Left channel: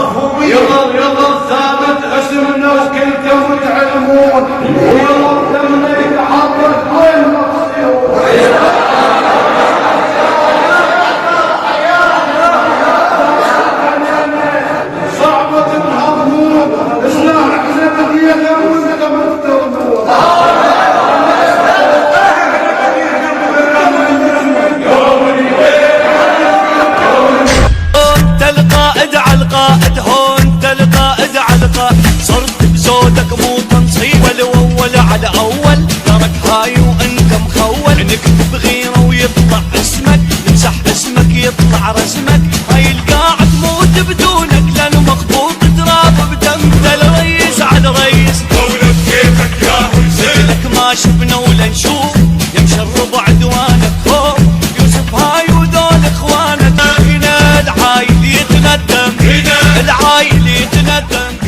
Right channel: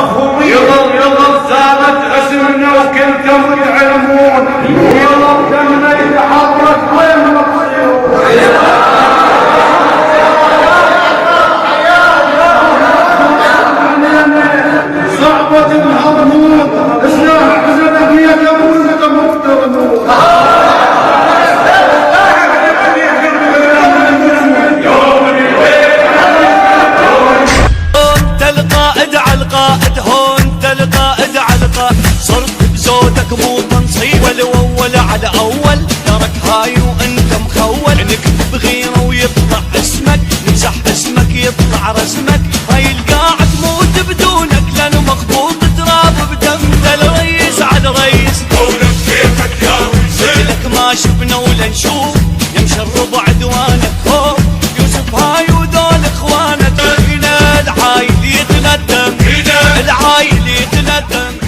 مفهومية. يظل ثابت اسمنا وكلكم تعلمون، ويظل دمنا يتحرك وين ما تصيرون. صعبة الحضور اسمع حزنك يا لمون لكم تغنون. القائد هون تلقائد على القائد، صرت بزودك مو تنصيب والاول على اول، ترك هاي وانت مخول، نكتب غيره ويطلع اسمك، نمسح اسمك يطلع رسمك، هاي القاع تموت بدونك لان مخبوط تراب بدم، الريس على الريس مثلك ما شفنا ولا نشوف، يمشي الربع عدوانك خوف، يوسف هاي وذول اخوانك، هنا العايل يتندم، العايل يتندم.